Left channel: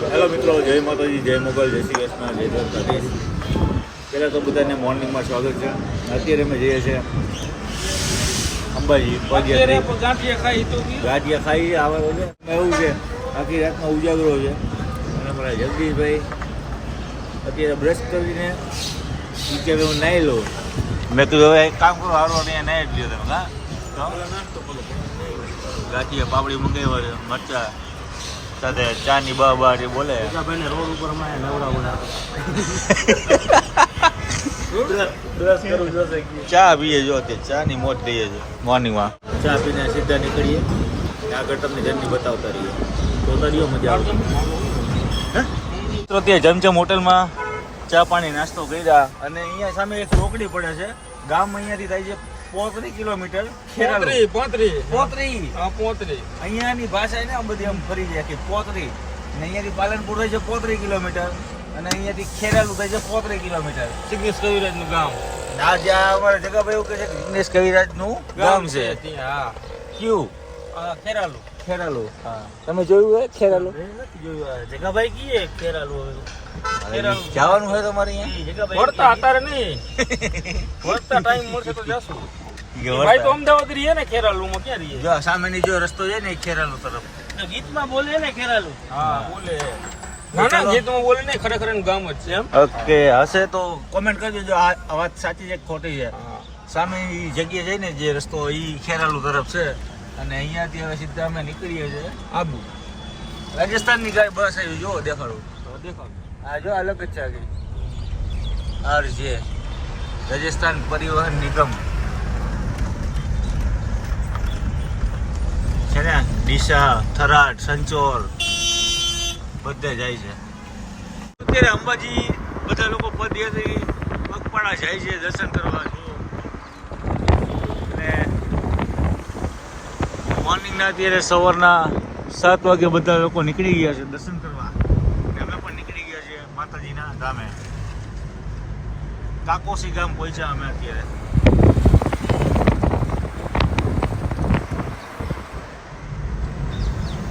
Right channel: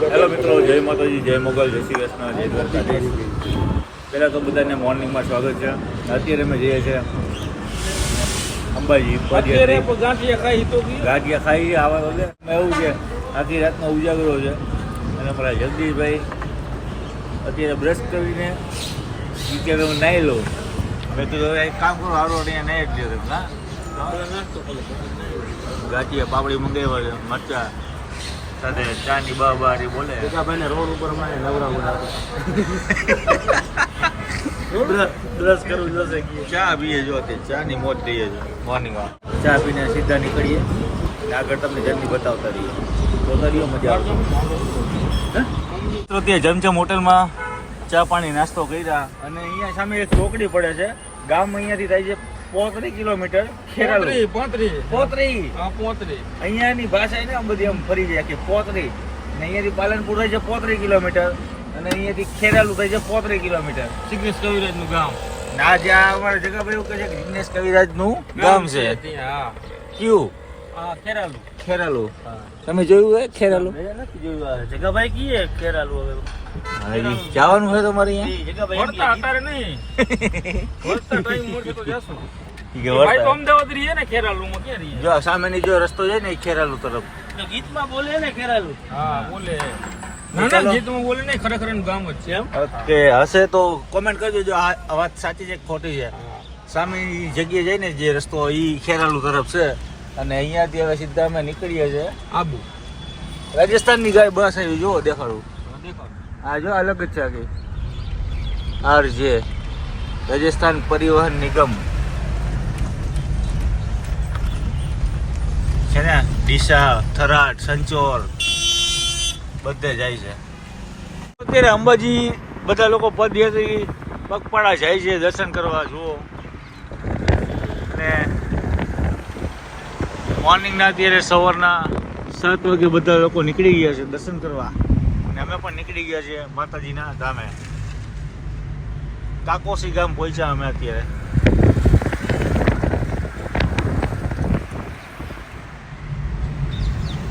Hello મિત્રો જય માતાજી જય મોગલ જય શ્રી કૃષ્ણ જય દ્વારકાધીશ. પહેલાં તો બધાને મોર્નિંગમાં સ્વાગત છે. અત્યારે અમે જઈએ છીએ અંબાજી ગાંઠિયા ખાઈ તો બી. ગાંઠિયા ખાઈ એવું છે આખી રાતનો ઉજાગરો છે. અને મારા જગદીશભાઈ અત્યારે બ્રશ કરીને અત્યારે હું નાહી લઉં. મેં કીધું હવે કામ કરો હારો અહીંયા નાહી જ લ્યો તમે. હા? તો? ગાંઠિયા પાપડી મંગાવ્યા છે મરચા. સાથે ચાની બા બા જે બોલે. ભાઈને રોડ ઉપરમાં નવરા બોલે ચા પીએ જો તે ચા ની મોજ લઈએ છે મોર્નિંગમાં. ચા પીને સીધા નીકળીએ. આગળ તમને જર્ની બતાવતા રહીએ. તો તરીઓ મજા આવશે તો ત્યાં જમજમ હોટલમાં ચા પાણી નાસ્તો કર્યા. અને અહીંયા સામે એક રોકડી પડે છે. ગામ અહીંયાથી થાય છે પોત્રીસ કિલોમીટર ખેરાલુ. પોત્રી પોત્રી હા પોત્રી અહીંયાની ભાષા ને આમ બધી આમ ફરી જાય કે પોતરી ને અહીંયાથી પાલનપુર થાય છે પોત્રી કિલોમીટર. અને અહીંયાથી ખેરાલુ થાય છે પોત્રી કિલોમીટર. સિગ્નેશ કવિરાજનું ગામ. ના જ્યાં અમારા જગાભાઈ એવું કહે છે કે જિગ્નેશ કવિરાજનું ગામ છે હા. કયું? હા ખેરાલુ. ખેરાલુ. હા. તમે જોયું હે ખેરાલુ? મેં નથી જોયું આ. જગાભાઈ કીએ ખેરાલુ હવે. ખેરાલુ. જવાનું અહીંયા. વળતા અત્યારે નહીં. વળતા ટાઈમ મળશે તો જશું. ભાઈ તો અમદાવાદ રહીએ ને ખેરાલુ માં ક્યાં રહીએ? જો સામેની જો રસ્તો જાય ને ખેરાલુ તરફ. ગીતમાં બોલે ને ખેરાલુ? હા બોલે. ના ચાલો. બોલે ને ખરેખર એનું ગામ જ છે. એમ? ઓકે હશે તો કોમેન્ટ કરજો જો આ વાત સાચી છે ખોટી છે. સામેની જગ્યાએ જઈને જે રસ્તો એ ખેરાલુ તરફ છે. અને અહીંયાથી હવે સીધા અમે નીકળીએ છીએ આબુ. રાજસ્થાનની ગાય બસ આવી જુઓ દેખાડું. દેખો આ જો અલગ જ છે આખી. આર જે રાજસ્થાન પરિવહન નિગમ. છે ને ડીસા થરાદ સંચોર બધે જાય છે. અત્યારે અંબાજી બધા લોકો પદયાત્રી પગપાળા જાય છે દર્શન કરવા જુઓ અને મોર્નિંગના અત્યારે સવારના સાત વાગે બધા લોકો નીકળી ગયા છે દર્શન કરવા. અમે પણ નીકળી ગયા છીએ માતાજીના ધામે. કાકોસી ગામ પહોંચ્યા અમે અત્યારે.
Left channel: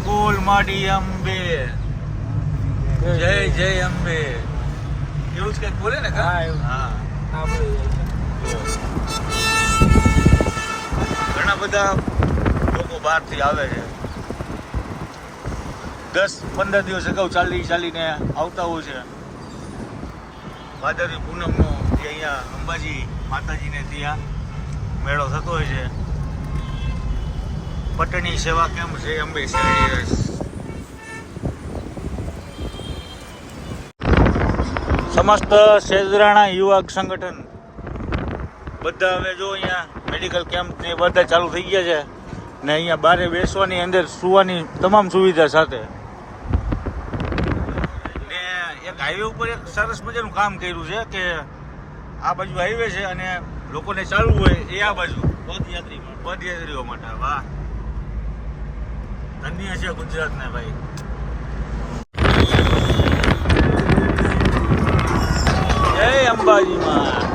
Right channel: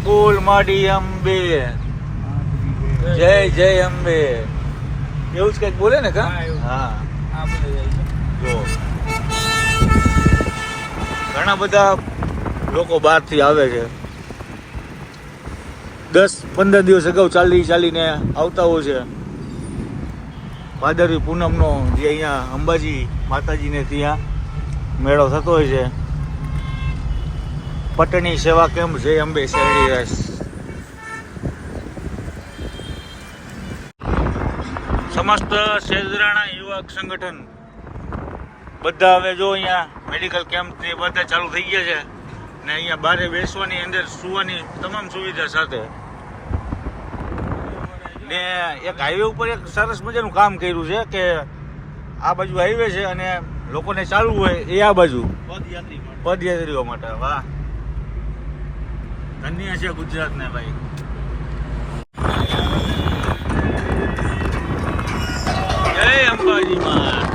ફૂલ માડી અંબે. જય જય અંબે. એવું જ કંઈક બોલે ને? હા, છે જો. ઘણા બધા લોકો બહારથી આવે છે. દસ પંદર દિવસ અગાઉ ચાલી ચાલીને આવતા હોય છે. ભાદરવી પૂનમનો જે અહીંયા અંબાજી માતાજીને ત્યાં મેળો થતો હોય છે. પટણી સેવા કેમ્પ જય અંબે શેરડી સમસ્ત શેદરાણા યુવક સંગઠન. બધા હવે જો અહીંયા મેડિકલ કેમ્પ ને બધા ચાલુ થઈ ગયા છે. ને અહીંયા બારે બેસવાની અંદર સુવાની તમામ સુવિધા સાથે. ને એક હાઈવે ઉપર એક સરસ મજાનું કામ કર્યું છે કે આ બાજુ હાઈવે છે અને લોકોને ચાલવું હોય એ આ બાજુ. પદયાત્રીઓ માટે વાહ. ધન્ય છે ગુજરાતને ભાઈ. જય અંબાજીમાં.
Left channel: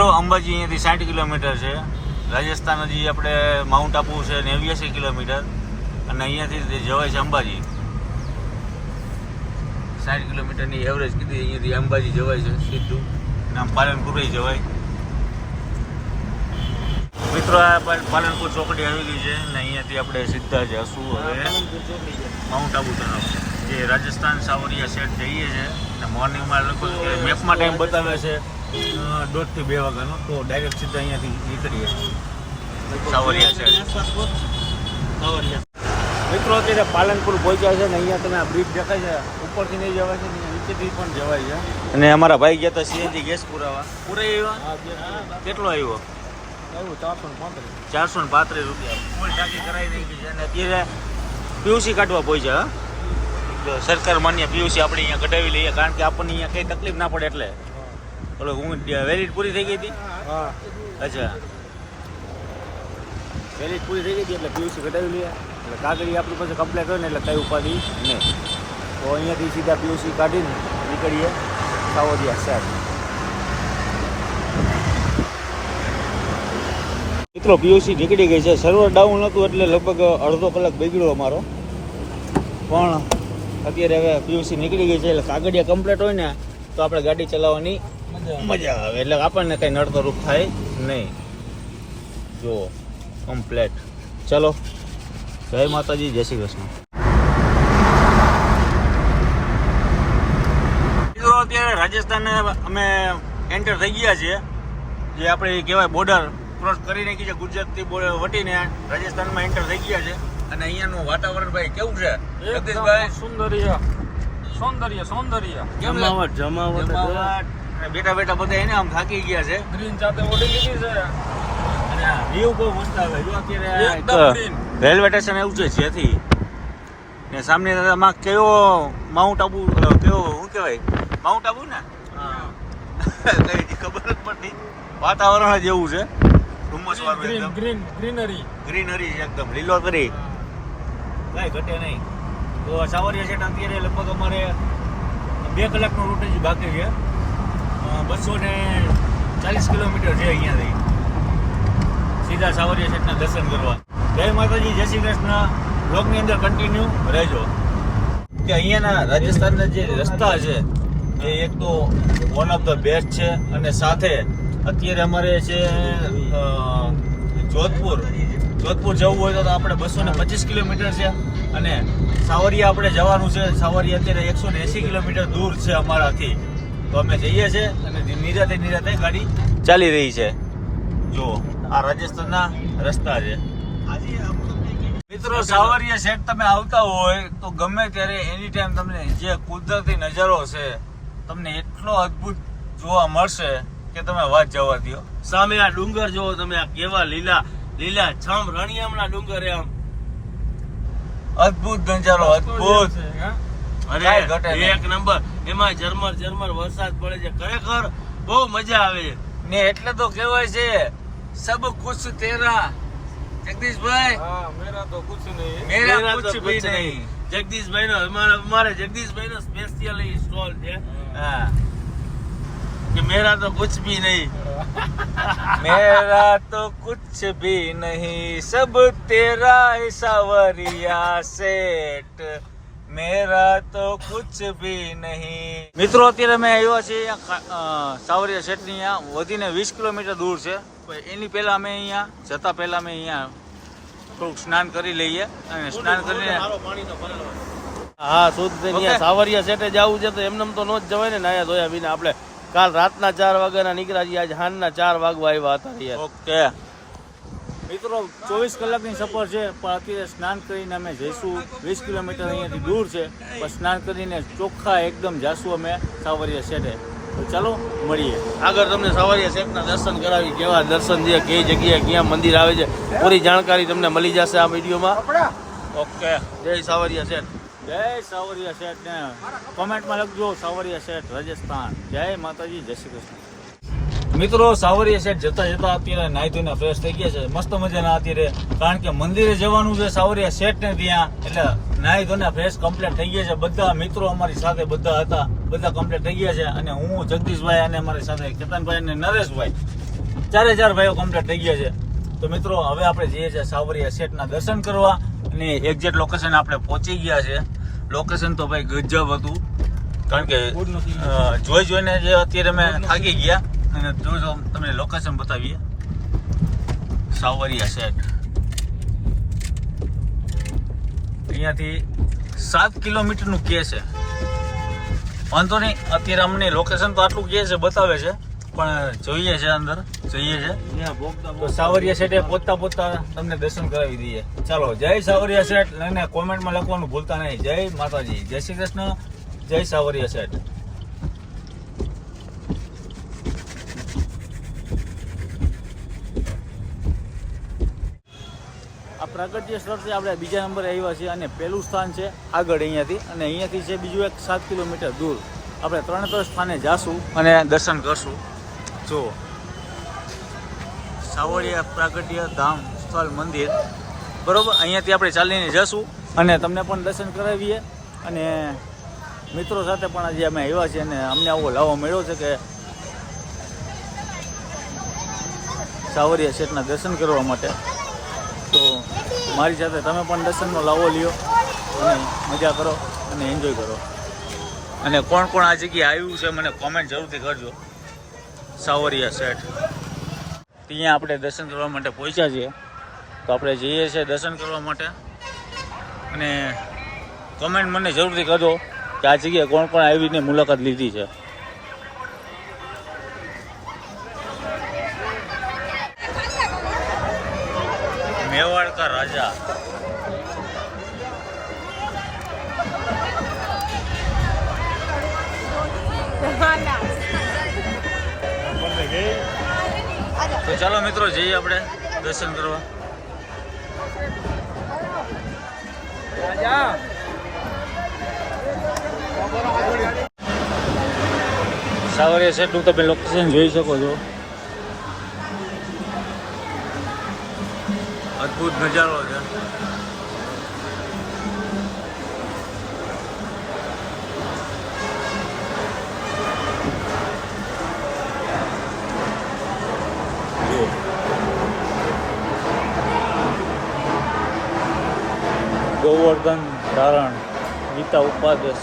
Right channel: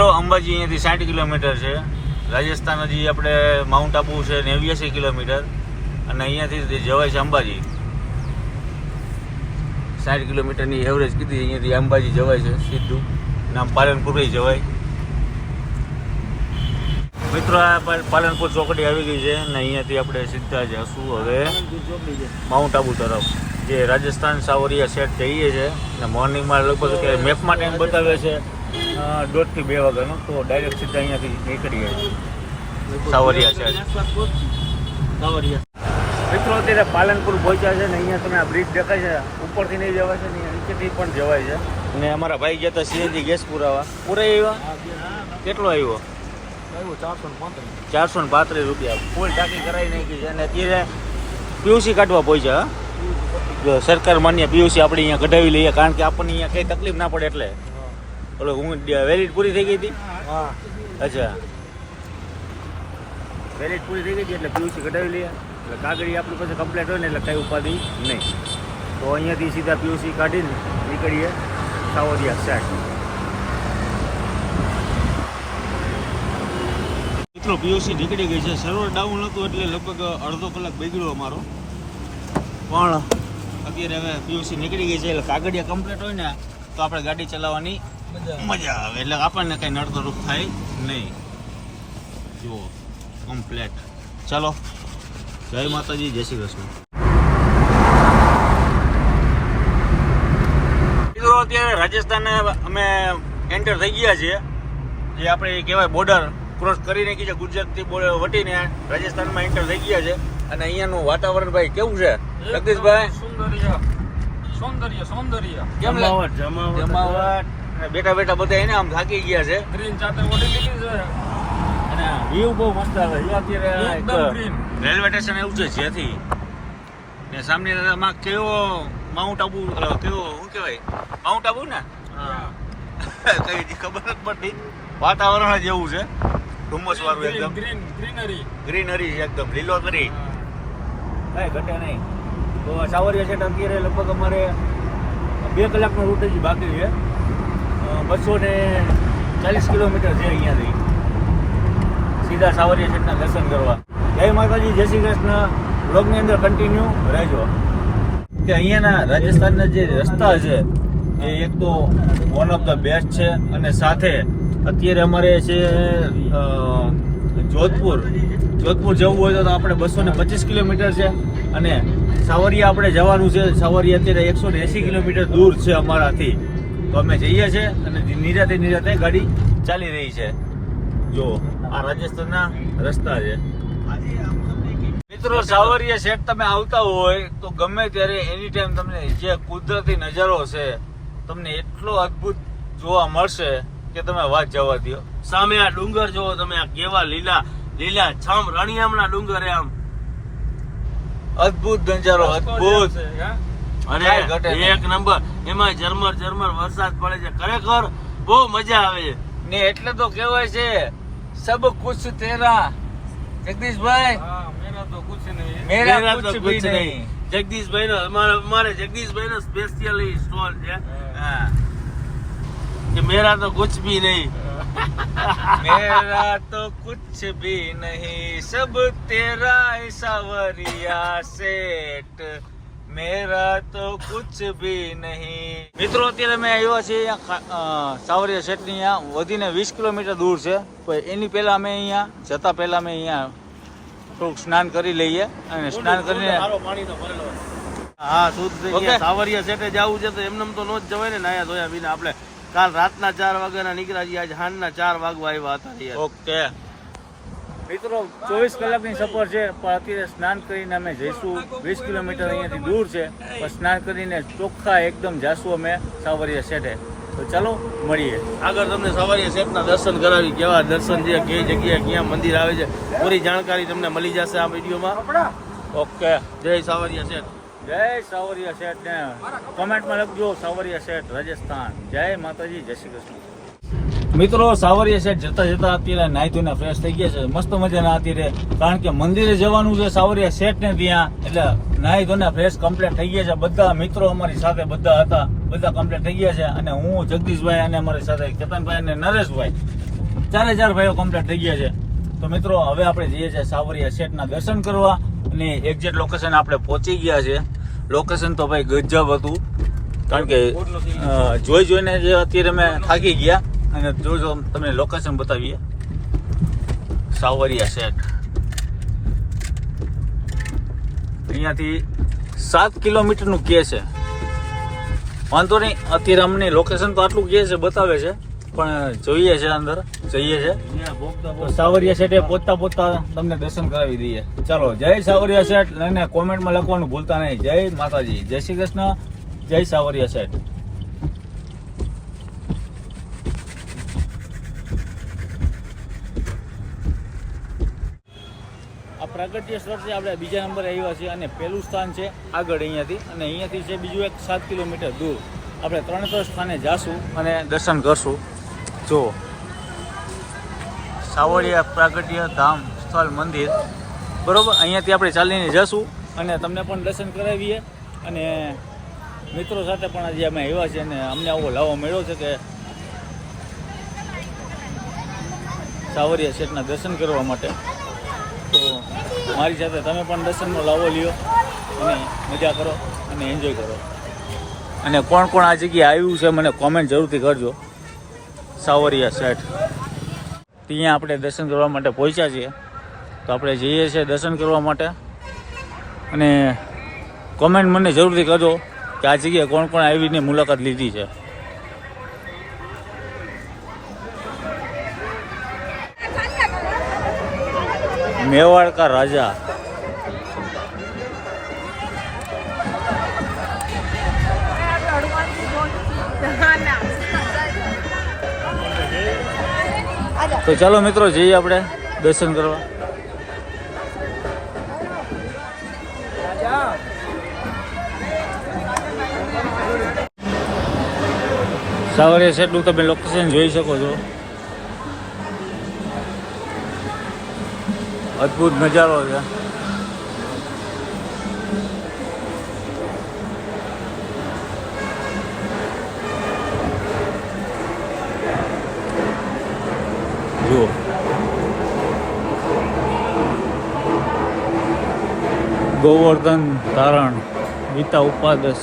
મિત્રો, અંબાજી અહીંયાથી સાઠ કિલોમીટર છે. રાજસ્થાન હજી આપણે માઉન્ટ આબુ છે નેવ્યાસી કિલોમીટર. અને અહીંયાથી જવાય છે અંબાજી. સાઠ કિલોમીટરની એવરેજ કીધી અહીંયાથી અંબાજી જવાય છે સીધું. નામ પાલનપુર જવાય. મિત્રો, આ પાલનપુર ચોકડી આવી ગઈ છે અને અહીંયાથી આપણે સીધા જશું હવે માઉન્ટ આબુ તરફ. જે રાજસ્થાન સાવરિયા સેટ જઈએ છે અને મોર્નિંગમાં લગભગ મેપમાં ટાઈમ બતાવે છે. દોઢથી બે વાગ્યાનો તો ડાયરેક્ટ સીધા અહીંયાથી નીકળીએ. સાવરિયા છે. મિત્રો અત્યારે પાલનપુર પહોંચ્યા છે ને અહીંયા તમે આ બ્રિજ દેખાય છે ઉપરથી નહીં જવાય છે ને નીચેથી પણ જવાય છે. અને અમારા ભાઈ ગયા હતા સીએનજી ગેસ પુરાવા. પૂરા આવ્યા? કેટલો આવ્યો ચારસો ને પાંત્રીસ. ચારસો ને પાંત્રીસ રૂપિયા. ફૂલ ટાંકી કરાવી નાખી છે. અને અત્યારે પીયુસી કાઢવા પહોંચ્યા હા? જો સરકાર માન્ય પીયુસી આપણે અહીંયા કઢાવી લઈએ કારણ કે આપણને અહીંયા કઈ તકલીફ ના પડે એટલે. ઓલો હું વેલિડ પૂરી થઈ ગઈ હતી? હા. અચ્છા. વેલિડ પૂરી થઈ ગઈ હતી એટલે પીયુસી કઢાવી લઈએ. એટલે કાગળી આપણી પાસે કમ્પ્લેટ હોય ને એટલે કઈ ઉપાધિ નહીં. તો અહીંયાથી સીધા પીયુસી કાઢીને નીકળીએ સાવરિયા સાહેબ મિત્રો પીયુસી નીકળી ગઈ છે. સર્વર ડાઉન હતું એટલે લગભગ અડધો કલાક બગડ્યો અમારો. પણ અત્યારે હવે પીયુસી નીકળી ગઈ છે એટલે કાગળિયા કમ્પ્લીટ હોય ને તો આપણે ગાડી ચલાવવાની મજા આવે. એટલે આપણને કંઈ નડતરૂપ થાય નહીં. જુઓ કમ્પ્લેટ ચલો જય માતાજી જય શ્રી કૃષ્ણ. અત્યારે રાજસ્થાન અમે એન્ટર થઈ ગયા છીએ. જે આપણે કહેવાય બોર્ડર ક્રોસ કરી નાખી છે ગુજરાતથી બોર્ડર વટીને રાજસ્થાનમાં એન્ટર થઈ ગયા છે. અને અહીંયાનું વાતાવરણ ભાઈ કેવું છે? જગદીશભાઈ સૌંદર્ય. સૌંદર્ય સૌંદર્ય. જમાવટ જમાવટ. બેઠા બેઠા બધા એને આમ થાકી ગયા છે. ગ્રીન ચાતે ઓડી લીધી છે. અને વ્યૂ બહુ મસ્ત આવે. જો અત્યારે રેલવે સ્ટેશન એવું છે જ્યાંથી. ને સામે માં કયો માઉન્ટ આબુ કયો શું કહેવાય? માઉન્ટ આબુ ને? કઈ ખબર જ પડતી વાતાવરણ જ એવું છે. ધુમ્મસ વાળું એકદમ. ગ્રીન ગ્રીનરી ગ્રીનરી એકદમ લીલોતરી. કઈ ઘટે નહીં. તો સાવરિયા સેટ અત્યારે લગભગ અમારે બે કલાકનો રૂટ જ બાકી છે. બસો ને ચાલીસ કિલોમીટર છે અહીંયાથી. સીધા સાવરિયા સેટના દર્શન કરવા. જય માતાજી, જય શ્રી કૃષ્ણ. બ્લોગની અંદર કન્ટિન્યુ રહેજો. કે અહીંયાના રાજસ્થાનના જે રસ્તા છે, એ એક તો વન ઓફ ધ બેસ્ટ છે અને સાથે અત્યારે અમારે છે જોધપુર. જોધપુર જવું હોય તો આપણે બસો ને પચીસ કિલોમીટર છે અને સાવરિયા આપણે જવાનું છે. સાવરિયા અત્યારે એકસો ને એંસી કિલોમીટર દૂર છે અમારાથી. તો અમે જઈએ છીએ અને નિરાતે નિરાતે ગાડી ચાલી રહી છે. જો આ રાજસ્થાનના રસ્તા છે. મિત્રો સાવરિયા સેટ તમે આવતા હોય તો ગમે ત્યારે એની ટાઈમ તમને જે કુદરતી નજારો છે તમને એટલો અદ્ભુત જોવા મળશે કે તમે વાત જવા દો સામે આ ડુંગર જોવો તમે આ કેવા લીલા લીલા છમ રણિયામણા ડુંગર એમ. અદ્ભુત નજારો અદ્ભુત. અને એક નંબર. એમાં ઝરમર ઝરમર વરસાદ પડે છે. ખરેખર બહુ મજા આવે છે. ને એટલે તો કહેવાય છે સબ કુછ તેરા. જગદીશભાઈ? મેરા તો કુછ નહીં. મેરા કુછ ભી નહીં. જગદીશભાઈ નો અમારે જગદીશભાઈ નો સ્પેશિયલ સ્ટોલ છે. મેરા તો કુછ ભી નહીં. મેરા તો કુછ ભી નહીં. સબ તેરા સાવરિયા સેટ મેરા તો કુછ ભી નહીં મિત્રો અત્યારે મેં આવ્યા છે અહીંયા સાવરિયા શેઠની અહીંયા. વધીને વીસ કિલોમીટર દૂર છે. એની પહેલા અમે અહીંયા જતા પહેલા અમે અહીંયા થોડુંક સ્નાન કરી લઈએ અને સ્નાન કરીને હા શુદ્ધ થઈ સાવરિયા શેઠે જવું છે તો એમને તો નો જ જવાય ને. નાયા ધોયા વિના આપણે કાલ રાતના ચાર વાગ્યાના નીકળ્યા છીએ. આજે સાંજના ચાર વાગવા આવ્યા હતા ઓકે મિત્રો ચોવીસ કલાકની સફર છે પણ અત્યારે સ્નાન કરીને અમે જઈશું. વીસ કિલોમીટર અહીંયાથી દૂર છે પણ સ્નાન કરીને ચોખ્ખા એકદમ જાશું અમે સાવરિયા શેઠે. તો ચાલો મળીએ. આગળ તમને સાવરિયા શેઠના દર્શન કરાવી કેવા દર્શન છે કઈ જગ્યાએ ક્યાં મંદિર આવે છે પૂરી જાણકારી તમને મળી જશે આ વિડીયોમાં. ઓકે. જય સાવરિયા શેઠ. જય સાવરિયા શેઠ ને કોમેન્ટમાં લખજો સાવરિયા શેઠ રાજસ્થાન. જય માતાજી જય શ્રી કૃષ્ણ. મિત્રો, સાવરિયા સાઈડ જતા જતા અત્યારે નાહી ધોઈને ફ્રેશ થઈ ગયા છે. મસ્ત મજાના અત્યારે. કારણ કે મંદિરે જવાનું છે સાવરિયા સેટ ને ત્યાં. એટલે નાહી ધોઈને ફ્રેશ કમ્પ્લીટ થઈ ગયા છે. બધા મિત્રો અમારી સાથે બધા હતા. બધા કમ્પ્લીટ થઈ ગયા છે. અને હું, જગદીશભાઈ અને અમારી સાથે કેતનભાઈ અને નરેશભાઈ. ચારે ચાર ભાઈઓ કમ્પ્લીટ થઈ ગયા છે. તો મિત્રો, હવે આપણે જઈએ છીએ સાવરિયા સેટના દર્શન કરવા. અને એક્ઝેક્ટ લોકેશન આપણે પહોંચી ગયા છે. લોકેશન તો ભાઈ ગજબ હતું. કારણ કે જોઈ જોઈને જે અત્યારે અમે થાકી ગયા. અને જોજો તમને લોકેશન બતાવીએ. સાવરિયા શેઠ અહીંયાથી સાત કિલોમીટરનું કે છે. વાંધો નહીં, અત્યારે અમને લોકેશન તો આટલું કે છે, બતાવે છે. પણ જોઈએ છે અંદર, જઈએ છે. સાવરિયા શેઠે પોતા પોતા તમને દર્શન કરાવી દઈએ. ચાલો, જય સાવરિયા શેઠ. અને કોમેન્ટમાં લખવાનું ભૂલતા નહીં. જય માતાજી. જય શ્રી કૃષ્ણ. જય સાવરિયા શેઠ. પ્રાગટ્ય સ્થળથી આપણે બીજા નંબરે આવ્યા છીએ અને પહેલું સ્થાન છે આગળ અહીંયાથી. અને અહીંયાથી છે બીજું એક સાત કિલોમીટર દૂર. આપણે ત્રણ ત્રણ સ્થાને જાશું અને દર્શન કરશું. જો. સાવળિયા પ્રાગટ્ય ધામ સ્થળ મંદિર. બરાબર? અહીંયાથી આપણે ચાલીને જશું અને તમને પણ દર્શન કરાવીએ. અને મિત્રો સાથે પણ આજે અમે આવ્યા છીએ અને અમને આવો લાવો મળ્યો છે કે સાવરિયા શેઠના દર્શન કરવા માટે. તો મારી સાથે તમે પણ દર્શનનો લાવો લ્યો અને મજા કરો અને એન્જોય કરો. અને કોણ કોણ આ જગ્યાએ આવ્યું છે મને કોમેન્ટ જરૂરથી કરજો. સાવરિયા સેટ અહીંયા આપણે દર્શન કરવા માટે પહોંચ્યા છીએ. તો આપણે જઈએ છીએ દર્શન કરવા માટે. અને કોમેન્ટ મને જરૂરથી કરજો કે આ જગ્યાએ કોણ કોણ આવીની મુલાકાત લીધી છે. મેવાડ કા રાજા. તો ચાલો મિત્રો, જઈએ આપણે દર્શન કરવા. સવારે એટલું તમે લોકેશન જોઈ શકો છો. અદ્ભુત નજારો છે. ગોવર્ધન ધારણ ગીતા ઉપાદસ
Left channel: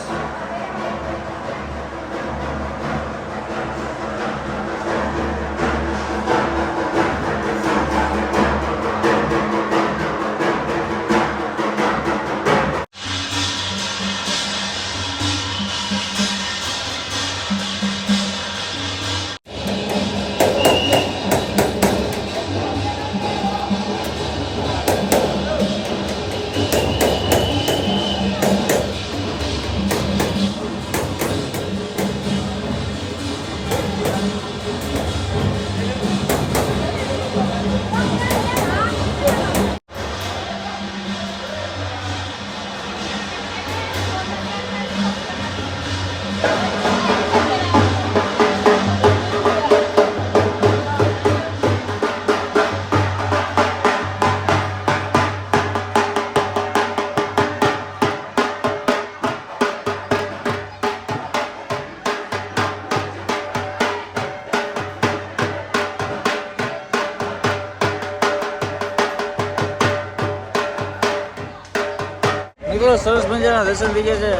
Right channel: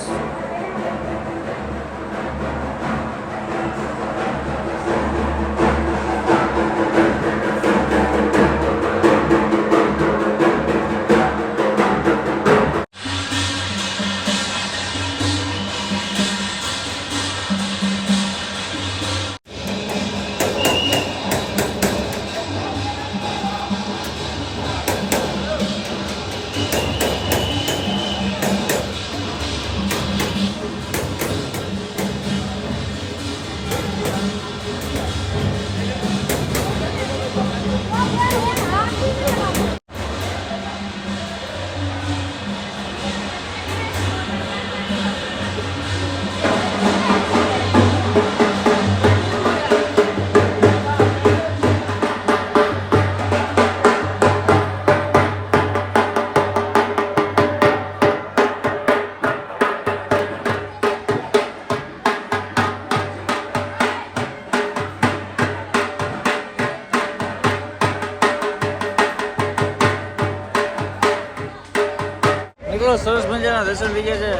દર્શન થઈ ગયા છે.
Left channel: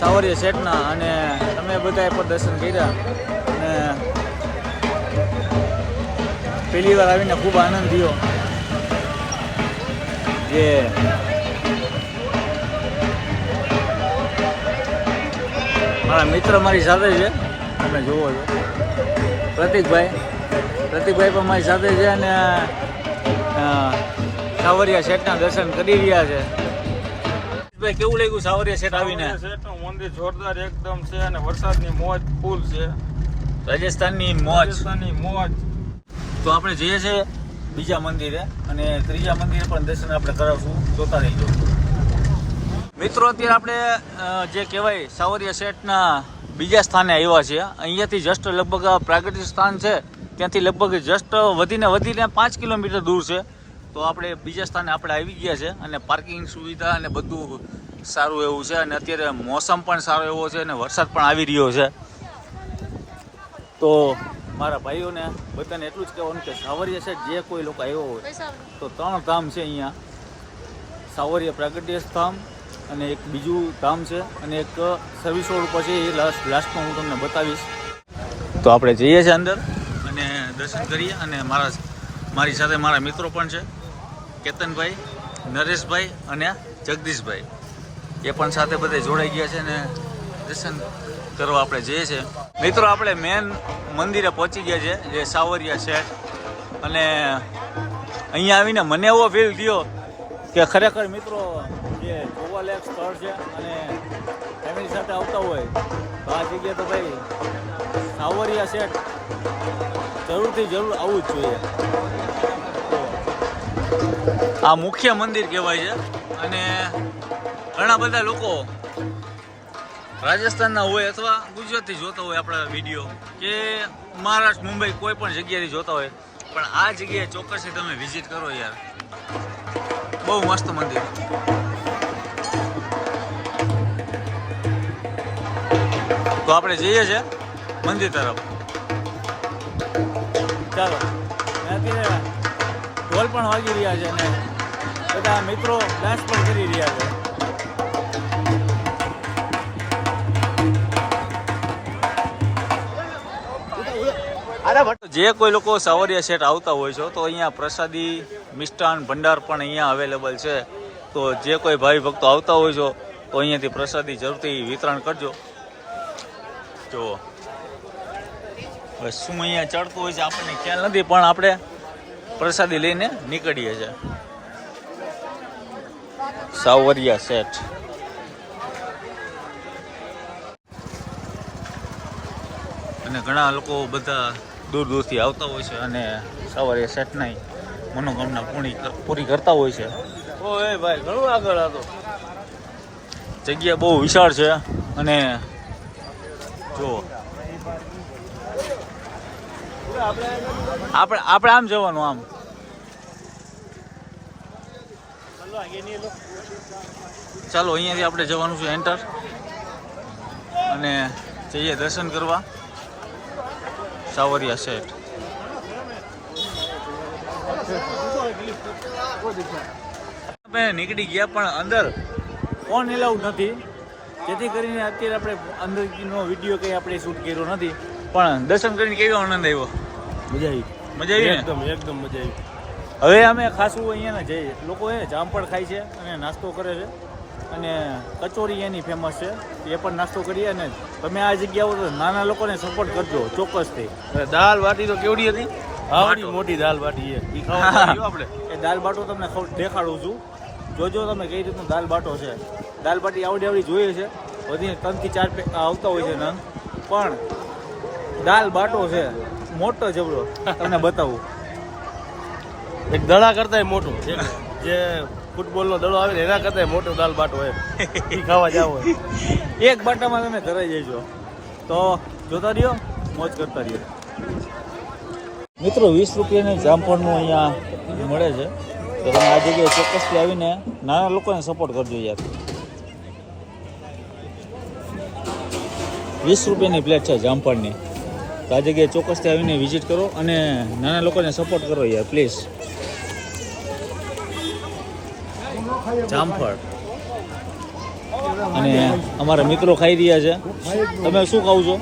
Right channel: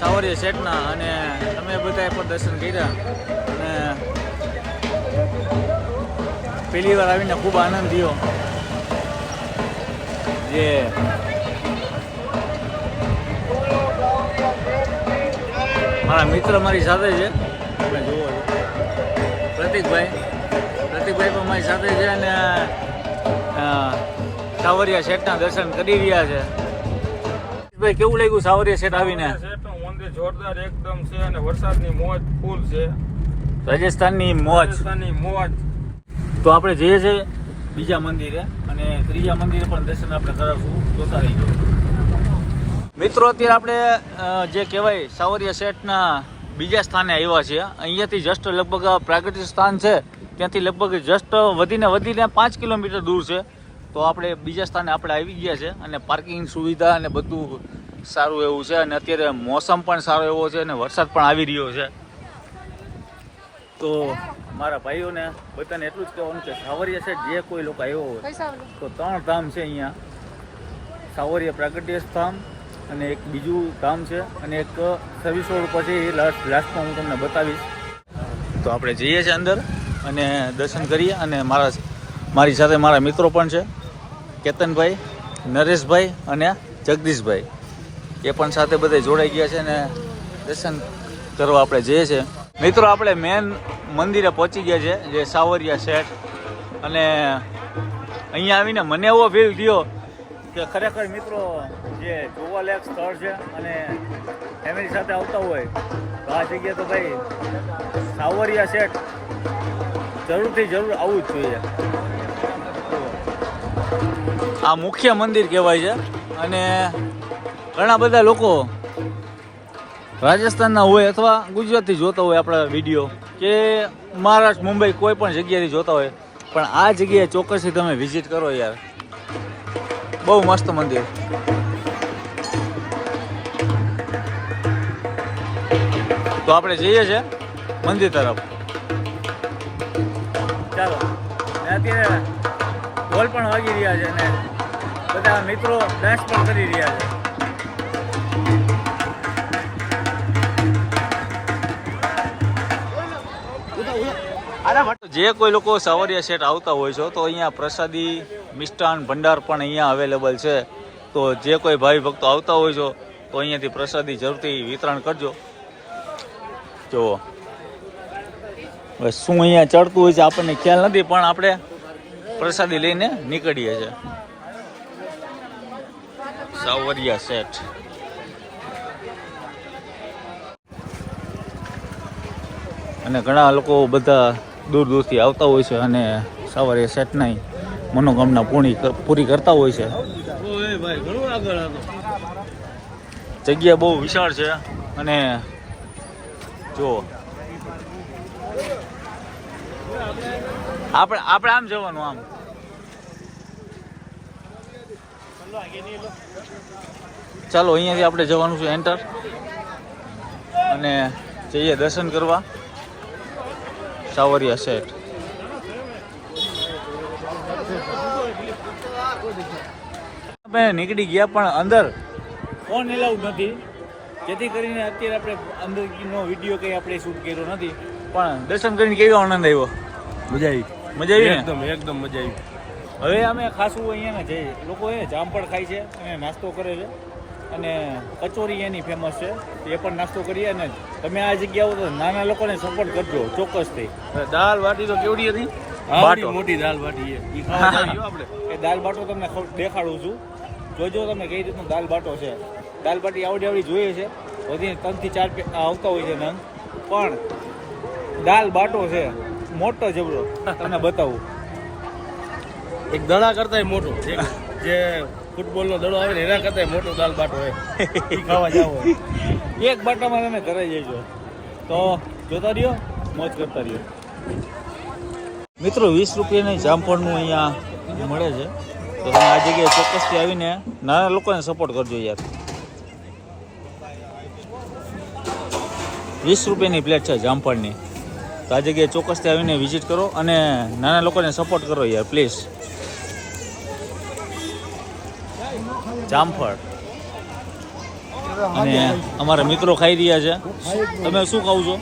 સાવરિયા શેઠના અને તમે બધાએ પણ દર્શન કર્યા. અને પહેલી વાર આવીને ખૂબ આનંદ થયો. જે મારા મિત્ર મારી સાથે છે. તમે જુઓ છો. પ્રતિકભાઈ. પ્રતિકભાઈ પણ મારી સાથે છે અને સાવરિયા શેઠના દર્શન કરી રહ્યા છે. ભાઈ કેવું લાગ્યું સાવરિયા સેટ આવીને? સેટનું મંદિર જોરદાર એકદમ છે અને વરસાદની મોજ ફૂલ છે. રાજસ્થાનની મોજ. રાજસ્થાનની મોજ. તો આપણે જઈએ છીએ બીજા મંદિરે અને ત્રીજા મંદિરે પણ દર્શન આપણે કરાવશું. જોતા ગયું મિત્રો અત્યારે આપણે જે કહેવાય સાવરિયા શેઠના બીજા સ્થાને આવ્યા છીએ. અહીંયાથી જસ્ટ લગભગ પ્રાગટ્ય સ્થાન છે. ત્યાંથી લગભગ જસ્ટ વધીને વધીને પાંચ કિલોમીટર દૂર છે. તો આપણે બીજા સ્થાને આપણે આવી ગયા છે અને પાર્કિંગ સુવિધા અને બધું સારું એવું છે અને અત્યારે મોસમ પણ સારો એવો છે અને વરસાદ પણ આવી રહ્યો છે. તો મારા ભાઈઓને બધાને એટલું જ કહેવાનું કે સાવરિયા છે જે કોઈ લોકો આવ્યો હોય, તો ત્રણ ધામ છે અહીંયા. સાવરિયા પ્રાગટ્ય ધામ અને એક બીજું ધામ છે અને એક સર્વિસ રોડ ઉપર છે એ લાસ્ટ લાસ્ટમાં હું તમને બતાવીશ. તો આપણે જઈએ છીએ અંદર અને દર્શન કરીએ અને મારા, મારી સાથે મારા મિત્રો પણ છે. કેતનભાઈ, નરેશભાઈ અને જગદીશભાઈ. એ પણ સાથે બધે જોડાઈ ગયા છે અને દર્શન કરવા આપણે જઈએ છીએ. મિત્રો, આપણે મેન મંદિરે પહોંચી ગયા છે, જે સાવરિયા શેઠ. અને અહીંયા આવીને મને એવો ફીલ થયો કે ખરેખર મિત્રો, જે જોવાલાયક સ્થળ છે અને ફેમિલી સાથે આવતા હોય, તો આ જગ્યાએ તો ભાઈ સાવરિયા શેઠ જરૂરથી જરૂર આવવું જ જોઈએ. આ મુખ્ય મંદિર કહેવાય છે. અને ઘણા બધા લોકો રાજસ્થાનના હોય અથવા ગુજરાતથી જોતા હોય આપણા વીડિયો કે મહારાષ્ટ્ર, મુંબઈ કોઈ પણ જગ્યાએથી જોતા હોય. પણ આ જગ્યાએ ચોક્કસથી તમે વિઝિટ કરો યાર. બહુ મસ્ત મંદિર. તો આપણે જઈએ છે મંદિર તરફ. ચાલો. ઢોલ પણ વાગી રહ્યા છે અને બધા મિત્રો ડાન્સ પણ કરી રહ્યા છે. જે કોઈ લોકો સાવરિયા સેટ આવતા હોય છો, તો અહીંયા પ્રસાદી, મિષ્ટાન, ભંડાર પણ અહીંયા અવેલેબલ છે. તો જે કોઈ ભાઈ ભક્તો આવતા હોય છો, તો અહીંયાથી પ્રસાદી જરૂરથી વિતરણ કરજો. જો હવે શું અહીંયા ચડતું હોય છે આપણને ખ્યાલ નથી, પણ આપણે પ્રસાદી લઈને નીકળીએ છીએ. સાવરિયા સેઠ અને ઘણા લોકો બધા દૂર દૂરથી આવતા હોય છે અને સવારે સેટના મનોકામના પૂરી પૂરી કરતા હોય છે. જગ્યા બહુ વિશાળ છે અને જો. આપણે આપણે આમ જવાનું આમ. ચાલો અહીંયાથી આપણે જવાનું છે એન્ટર અને જઈએ દર્શન કરવા. સાવરિયા સેટ અમે નીકળી ગયા પણ અંદર ફોન એલાઉડ નથી. જેથી કરીને અત્યારે આપણે અંદરનો વીડિયો કંઈ આપણે શૂટ કર્યો નથી. પણ દર્શન કરીને કેવો આનંદ આવ્યો? મજા આવી. મજા આવી એકદમ એકદમ મજા આવી. હવે અમે ખાસું અહીંયા જઈએ લોકો એ જામફળ ખાય છે અને નાસ્તો કરે છે. અને કચોરી એની ફેમસ છે. એ પણ નાસ્તો કરીએ અને તમે આ જગ્યાઓ તો નાના લોકોને સપોર્ટ કરજો ચોક્કસથી. દાળ વાટી તો કેવડી હતી? આવડી મોટી દાળ બાટી એ આપણે? એ દાલ બાટો તમને ખવ- દેખાડું છું. જોજો તમે કઈ રીતનું દાલ બાટો છે. દાલ બાટી આવડી આવડી જોઈએ છે. વધી ત્રણથી ચાર પે- આવતા હોય છે નંગ. પણ દાલ બાટો છે મોટો જબરો. તમને બતાવું. એક દડા કરતા મોટો. જે ફૂટબોલ નો દડો આવે ને એના કરતા મોટો દાલ બાટો હોય. ખાવા જાવ હોય. એક બાટામાં તમે ધરાઈ જજો તો જોતા રહ્યો મોજ કરતા રહ્યો. મિત્રો વીસ રૂપિયાની જામફળનું અહીંયા મળે છે. તો તમે આ જગ્યાએ ચોક્કસથી આવીને નાના લોકોને સપોર્ટ કરજો યાર. વીસ રૂપિયાની પ્લેટ છે જામફળની. તો આ જગ્યાએ ચોક્કસથી આવીને વિઝિટ કરો અને નાના લોકોને સપોર્ટ કરો યાર પ્લીઝ જામફળ. અને અમારા મિત્રો ખાઈ રહ્યા છે. તમે શું ખાવ છો?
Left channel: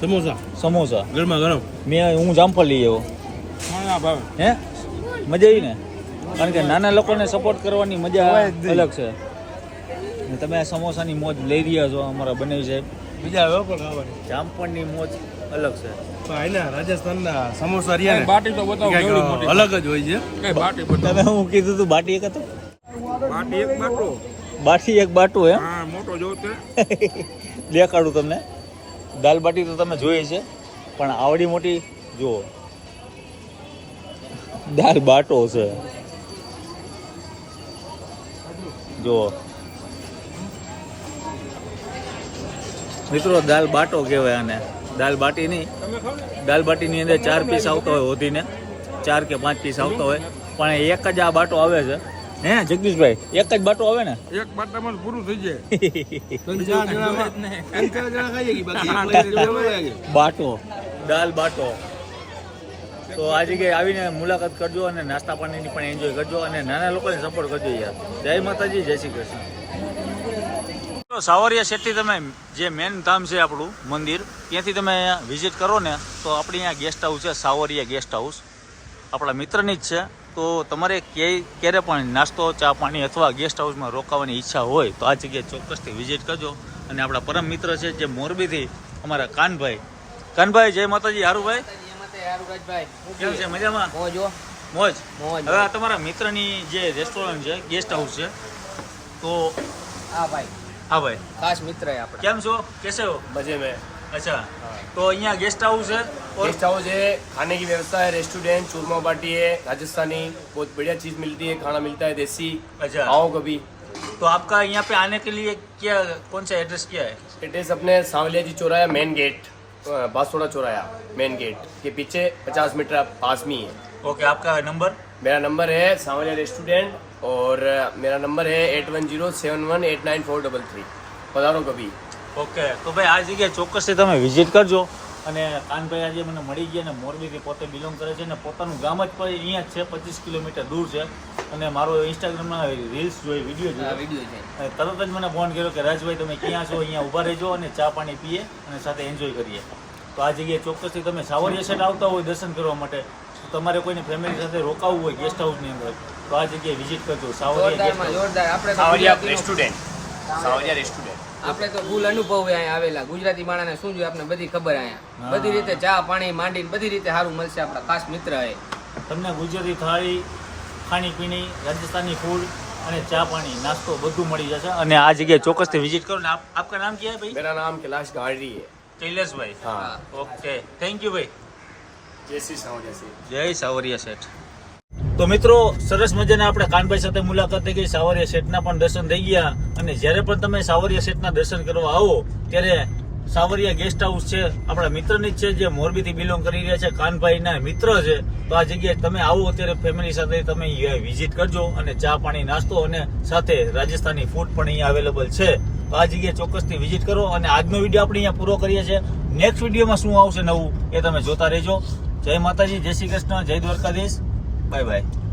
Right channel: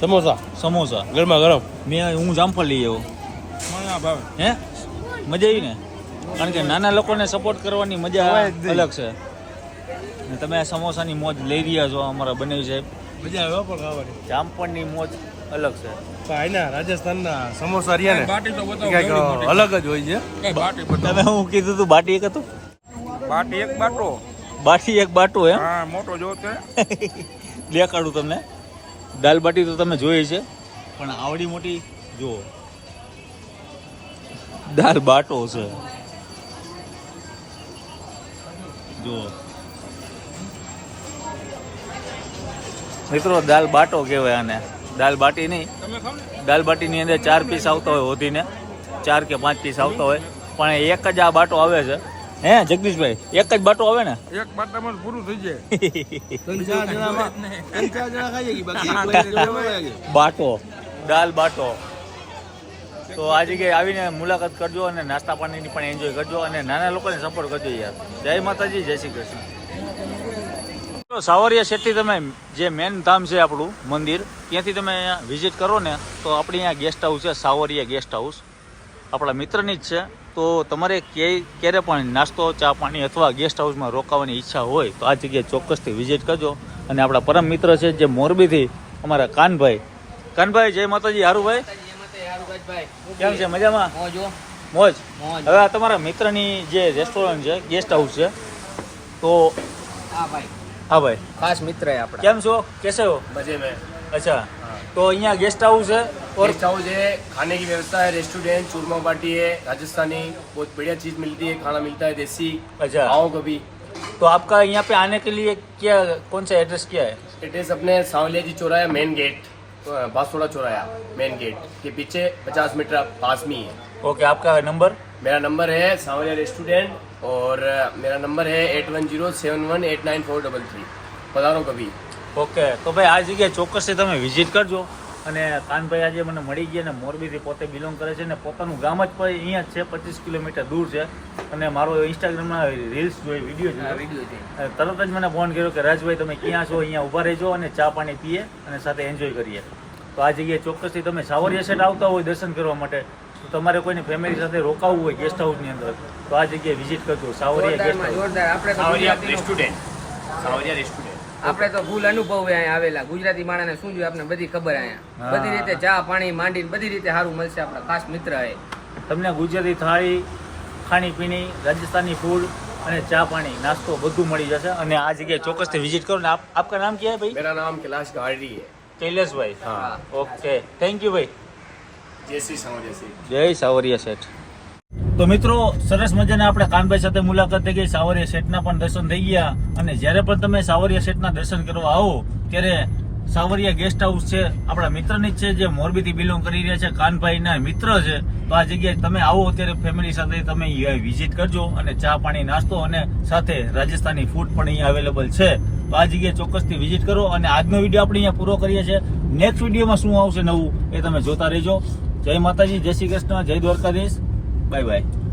સમોસા. સમોસા. ગરમા ગરમ. મેં હું જામફળ લઈ આવ્યો. હે? મજા આવી ને? કારણ કે નાના લોકોને સપોર્ટ કરવાની મજા અલગ છે. ને તમે આ સમોસાની મોજ લઈ રહ્યા છો અમારા બનાવી સાહેબ. મજા આવે પણ ખાવાની. જામફળની મોજ અલગ છે. અહીંના રાજસ્થાનના સમોસા રહ્યા બાટી તો બતાવો. અલગ જ હોય છે. કઈ બાટી તમે હું કીધું તું બાટી એક હતું? બાટી એક બાટો બાટી એક બાટો હે હા મોટો જો તે દેખાડું તમને. દાલ બાટી તો તમને જોઈ છે. પણ આવડી મોટી જો દાલ બાટો છે. જુઓ. મિત્રો દાલ બાટો કહેવાય આને. દાલ બાટી નહીં. દાલ બાટીની અંદર ચાર પીસ આવતા હોય હોધીને. ચાર કે પાંચ પીસ આવતા હોય. પણ એક જ આ બાટો આવે છે. હે જગદીશભાઈ એક જ બાટો આવે ને? એક બાટામાં જ પૂરું થઈ જાય. કે બાટો દાલ બાટો. તો આ જગ્યાએ આવીને મુલાકાત કરજો અને નાસ્તા પાણીની પણ એન્જોય કરજો અને નાના લોકોને સપોર્ટ કરજો યાર. જય માતાજી જય શ્રી કૃષ્ણ. તો સાવરિયા શેઠથી તમે જે મેન ધામ છે આપણું મંદિર ત્યાંથી તમે વિઝિટ કરો ને તો આપણી અહીંયા ગેસ્ટ હાઉસ છે સાવરિયા ગેસ્ટ હાઉસ આપણા મિત્રની જ છે. તો તમારે ક્યાંય ક્યારે પણ નાસ્તો ચા પાણી અથવા ગેસ્ટ હાઉસમાં રોકાવાની ઈચ્છા હોય તો આ જગ્યાએ ચોક્કસથી વિઝિટ કરજો. અને આપણા પરમ મિત્ર છે જે મોરબીથી અમારા કાનભાઈ. કાનભાઈ જય માતાજી હારુભાઈ. કેમ છે? મજામાં? મોજ. હવે આ તમારા મિત્રની જે રેસ્ટોરન્ટ છે ગેસ્ટ હાઉસ છે તો હા ભાઈ. હા ભાઈ. ખાસ મિત્ર કેમ છો? કેસે હો? મજે અચ્છા. તો અહીંયા ગેસ્ટ હાઉસ છે. और गेस्ट हाउस है खाने की व्यवस्था है रेस्टोरेंट चूरमा बाटी है राजस्थानी बहुत बढ़िया चीज मिलती है खाना मिलता है देसी अच्छा आओ कभी तो आपका यहाँ पे आने के लिए क्या कौन सा एड्रेस क्या है एड्रेस अपने सांवलिया जी चौराया मेन गेट बासोड़ा चौराया मेन गेट के पीछे 50 मीटर पास में ही है ओके आपका नंबर मेरा नंबर है सांवलिया रेस्टोरेंट और अ, मेरा नंबर है eight one zero seven one eight nine four double three पधारो कभी ઓકે તો ભાઈ આ જગ્યાએ ચોક્કસથી તમે વિઝિટ કરજો અને કાનભાઈ આજે મને મળી ગયા ને મોરબીથી પોતે બિલોંગ કરે છે ને પોતાનું ગામ જ પણ અહીંયા જ છે પચીસ કિલોમીટર દૂર છે. અને મારો ઇન્સ્ટાગ્રામમાં રીલ્સ જોઈ વીડિયો આ વીડિયો છે તરત જ મને ફોન કર્યો કે રાજભાઈ તમે ક્યાં છો? અહીંયા ઊભા રહેજો અને ચા પાણી પીએ અને સાથે એન્જોય કરીએ. તો આ જગ્યાએ ચોક્કસથી તમે સાવરિયા સેટ આવતા હોય દર્શન કરવા માટે તો તમારે કોઈને ફેમિલી સાથે રોકાવવું હોય ગેસ્ટ હાઉસની અંદર તો આ જગ્યાએ વિઝિટ કરજો. સાવરિયા ગેસ્ટ હાઉસ જોરદાર. આપણે તો સાવરિયા રેસ્ટોરન્ટ સાવરિયા રેસ્ટોરન્ટ આપણે તો ફૂલ અનુભવ અહીંયા આવેલા. ગુજરાતી માણસને શું જોઈએ? આપણે બધી ખબર અહીંયા. બધી રીતે ચા પાણી માંડીને બધી રીતે સારું મળશે આપણા ખાસ મિત્ર એ. તમને ગુજરાતી થાળી ખાણીપીણી રાજસ્થાની ફૂડ અને ચા પાણી નાસ્તો બધું મળી જશે. અને આ જગ્યાએ ચોક્કસથી વિઝિટ કરો. ને આપ આપકા નામ ક્યાં ભાઈ? મેરા નામ કૈલાશ ગાડી હે. હા. ઓકે. થેન્ક યુ ભાઈ. જય શ્રી સાવરિયા જય સાવરિયા શેઠ. તો મિત્રો, સરસ મજાને આપણે કાનભાઈ સાથે મુલાકાત થઈ ગઈ. સાવરિયા શેઠના પણ દર્શન થઈ ગયા. અને જ્યારે પણ તમે સાવરિયા શેઠના દર્શન કરવા આવો, ત્યારે સાવરિયા ગેસ્ટ હાઉસ છે, આપણા મિત્રની જ છે, જે મોરબીથી બિલોંગ કરી રહ્યા છે. કાનભાઈના મિત્ર છે. તો આ જગ્યાએ તમે આવો, ત્યારે ફેમિલી સાથે તમે વિઝિટ કરજો અને ચા પાણી, નાસ્તો અને સાથે રાજસ્થાની ફૂડ પણ અહીંયા અવેલેબલ છે. તો આ જગ્યાએ ચોક્કસથી વિઝિટ કરો અને આજનો વીડિયો આપણે અહીંયા પૂરો કરીએ છીએ. નેક્સ્ટ વિડીયોમાં શું આવશે નવું, એ તમે જોતા રહેજો. જય માતાજી, જય શ્રી કૃષ્ણ, જય દ્વારકાધીશ. 拜拜。